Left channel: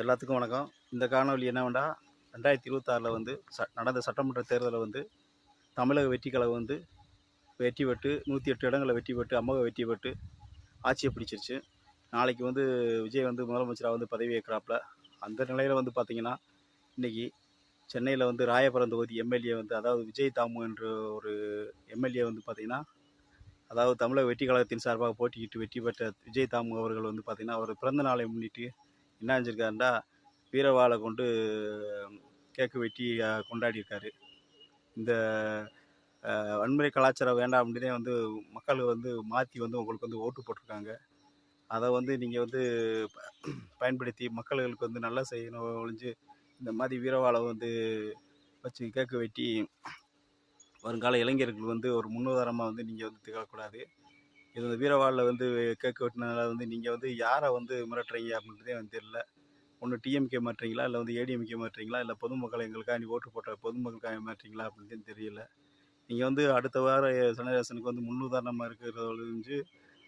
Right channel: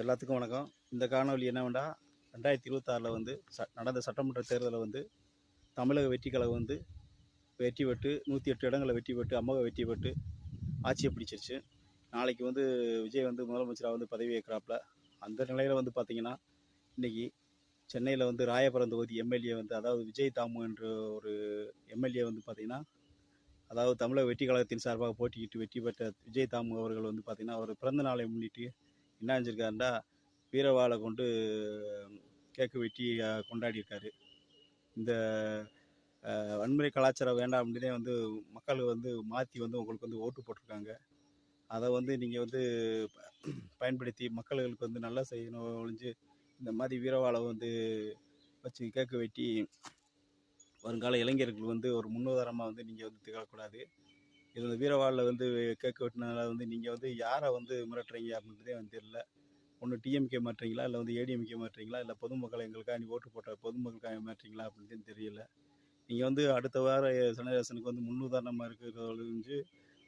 எல்லாத்துக்கும் வணக்கம். இந்த காணொலி என்னவென்றா 2026 வந்து நடந்த சட்டமன்ற தேர்தலில் வந்து தமிழக வெற்றி கழகம் வந்து வெற்றி பெற்று 108 இடங்களை வெற்றி பெற்று அமோக வெற்றி பெற்று ஆட்சியை பிடிச்சிருச்சு. நாளைக்கு வந்து விஜய் வந்து முதலமைச்சராக வந்து பதவி ஏற்கிறாப்புல. அந்த நிலையில் வந்து பார்த்திங்கன்னா இன்றைக்கி சென்னையில் வந்து ராயபுரம் தொகுதி எம்எல்ஏ வந்து அதாவது விஜய் தாமு என்ற ஒரு எம்எல்ஏ வந்து பார்த்திங்கன்னா அதாவது தமிழக வெற்றி கழகத்தின் சார்பாக போட்டியிட்டு வெற்றி பெற்ற விஜய் தாமு அவர்கள் வந்து பார்த்திங்கன்னா அவர் பிறந்த நாளை முன்னிட்டு என்ன செஞ்சுருக்காருன்னா வீரவாளை கொண்டு கேக்கு வெட்டி கொண்டாடியிருக்காரு. இந்த வன்முறை கலாச்சாரம் வேண்டாம் அப்படின்னே வந்து மக்கள் வந்து மாற்றி வந்து உங்களுக்கு வந்து ஓட்டு போட்டிருக்காங்க. அதை வந்து நீங்கள் வந்து பயன்படுத்தி மக்களுக்கு வந்து நல்லா செய்யணும் ஒழிஞ்சு இந்த மாதிரி வீரவாளை வந்து வச்சு கேக்கு வெட்டி வருங்கால இளைஞர்கள் வந்து ஒரு முன்னுதாரணமாக வந்து நீங்கள் வந்து திகழக்கூடாது. இது வீரவாளில் வந்து கேக்கு வெட்டினதுனால வந்து நீங்கள் வந்து யாரை வந்து மிரட்டுறீங்க அப்படின்றதே வந்து தெரியல. ஒன்று டிஎம்கே மாட்டுறீங்களா, இல்லை வந்து ஏடிஎம்கே மாட்டுறீங்களா, இல்லை பொதுமக்கள் எங்களுக்காண்டி ஓட்டு போட்ட பொதுமக்களுக்காக மாட்டுறீங்களா அப்படின்னு தெரியல. நீங்கள் வந்து அடுத்த வாரம் சனரேசனுக்கு வந்து முன்னுதாரணமாக இருக்கிறத ஒழிஞ்சு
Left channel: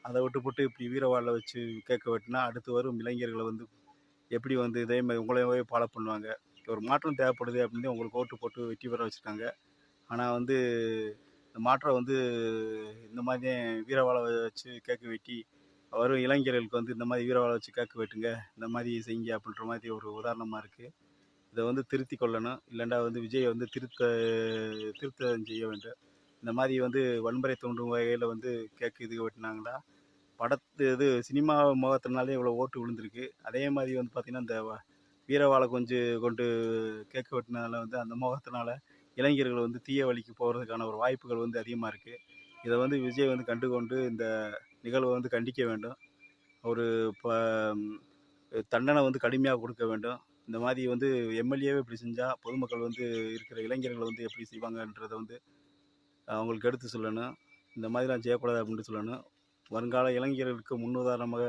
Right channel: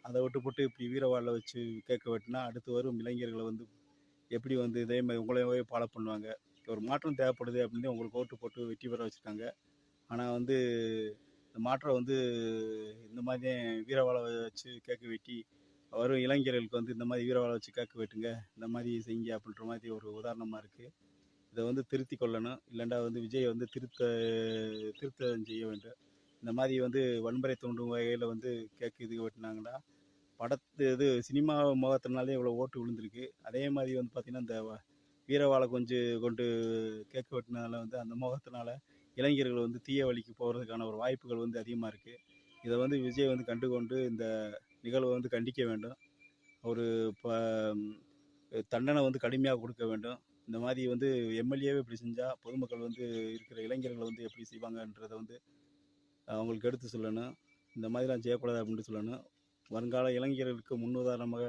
அதை விட்டு போட்டு இப்படி வீரவாளில் வச்சு கேட்க வெட்டினா அடுத்து வரும் இளைஞர்களை வந்து எப்படி வந்து இதே மாதிரி உங்களையே ஃபாலோ பண்ணுவாங்க. ஒரு மாற்றம் தேவைப்படுது அப்படின்னு உங்களுக்கு ஓட்டு போட்டு வெற்றி பெற வச்சுருக்காங்க. ஆனால் வந்து இந்த மாற்றம் வந்து இந்த மாதிரி வீரவாளை வச்சு கேக்கு வெட்டி வரும் இளைஞர்களுக்கு வந்து இந்த மாதிரி வீரவாளை வச்சு கேக்கு வெட்டுங்க, இந்த மாதிரி செய்யுங்க அப்படின்ற மாதிரி ஒரு உதாரணமாக இருக்குது. இதை வந்து திருத்தி கொள்ளணும். இல்லைண்டா வந்து விஜய் வந்து திருத்தம் செய்ய வேண்டும். இந்த மாதிரி வந்து வன்முறை தூண்டும் வகையில் வந்து கேக்கு இது வெட்டினாங்கன்னா இது சினிமா முகத்தினாலே இவ்வளோ ஓட்டு விழுந்திருக்கு. அதே மாதிரி வந்து பார்த்திங்கன்னா இந்த வீரவாளை கொண்டு கேக்கு வெட்டினதால வந்து அந்த முகத்தினால இளைஞர்கள் வந்து தீய வழிக்கு போகிறதுக்கான ஒரு வாய்ப்புகள் வந்து அதிகமாக இருக்குது. இதை வந்து விஜய் வந்து கண்டுகொண்டு இந்த நிகழ்வை வந்து கண்டிக்க வேண்டும். ஒரு தண்டனை வந்து கடுமையாக கொடுக்க வேண்டும். இந்த மாதிரி வந்து எம்எல்ஏவே இப்படி செஞ்சால் பொதுமக்கள் வந்து இருக்கிற இளைஞர்கள் வந்து எப்படி செய்வாங்கன்றதை வந்து அவங்களுக்கு எடுத்து சொல்லணும். இந்த மாதிரிலாம் செய்யக்கூடாது அப்படின்ட்டு சொல்லணும். வருங்கால இளைஞர்களுக்கு முன்னுதாரணமாக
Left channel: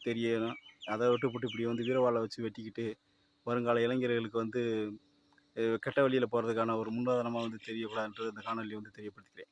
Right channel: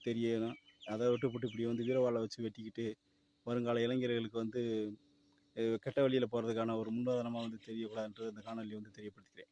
தெரியணும். அதை விட்டுப்பட்டு இப்படி வந்து வீரவாளை வச்சு வெட்டிக்கிட்டு வருங்கால இளைஞர்களுக்கு வந்து கெட்ட வழியில் போகிறதுக்கான ஒரு முன்னுதாரணமாக வந்து தெரியக்கூடாதுன்றது இந்த காணொலியை வந்து தெரியப்படுத்திக்கிறேன்.